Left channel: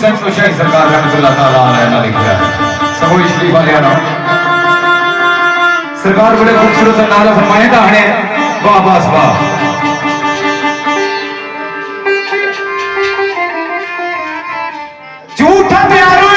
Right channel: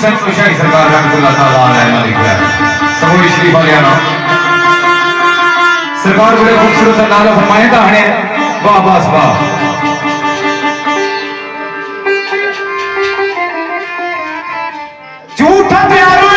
हुसैन कुशाई सरकार रहमतुल्लाह ताला अलैह लिखा है समूही शरीफ वाले ना सरकार बड़े खूबसूरत नाले फरमाए दाने वाह बस वाह झूठा प्यारो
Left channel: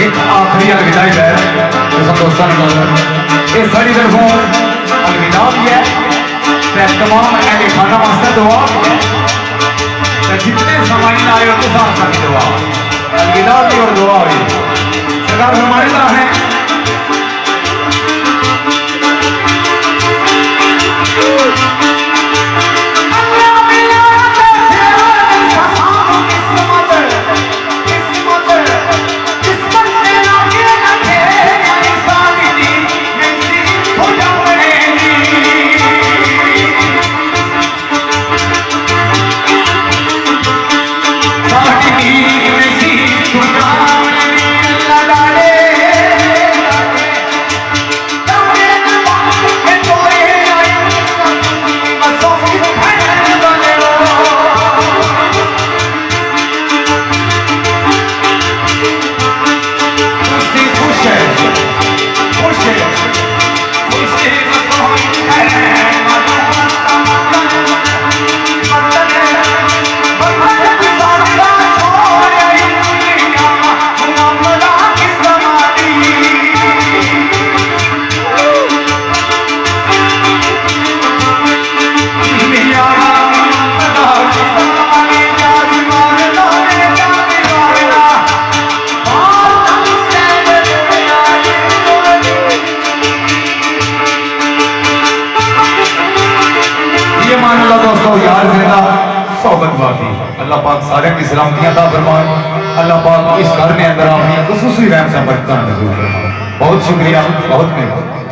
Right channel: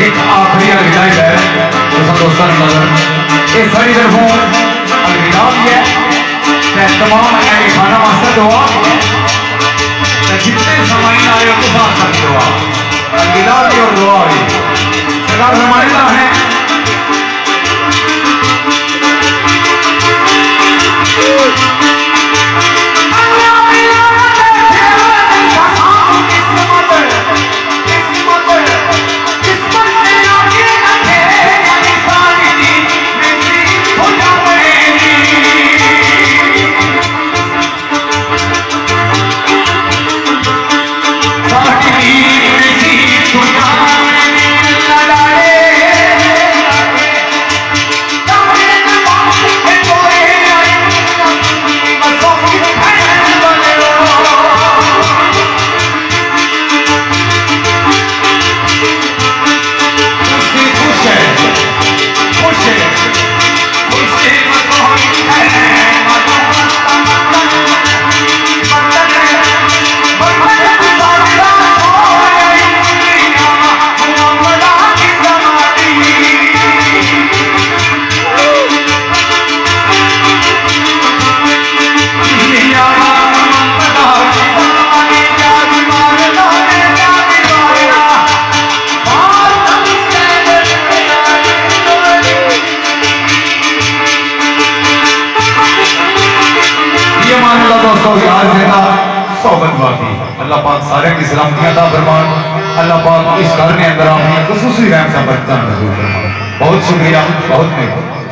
एक आखिरी हिदायत है तो सब दोस्तों ने ये सारी तरफों अलविदा भी है तमाम अहले खाना वास्ते दुआ तो जितने समाइन आए उनके साथ सभी दुआ अलविदा भी और दुआ भी सरकार फरमाइंदा है दोस्तों यार करना सोबत बाकी अल्लाह पाक सारे की सलामतियां दा फरमान अल्लाह पाक इस घर ने अंदर आमी खुसूसी रहमत बरकत नज़ूर फरमान बहुत शुक्रिया बहुत मेहरबानी।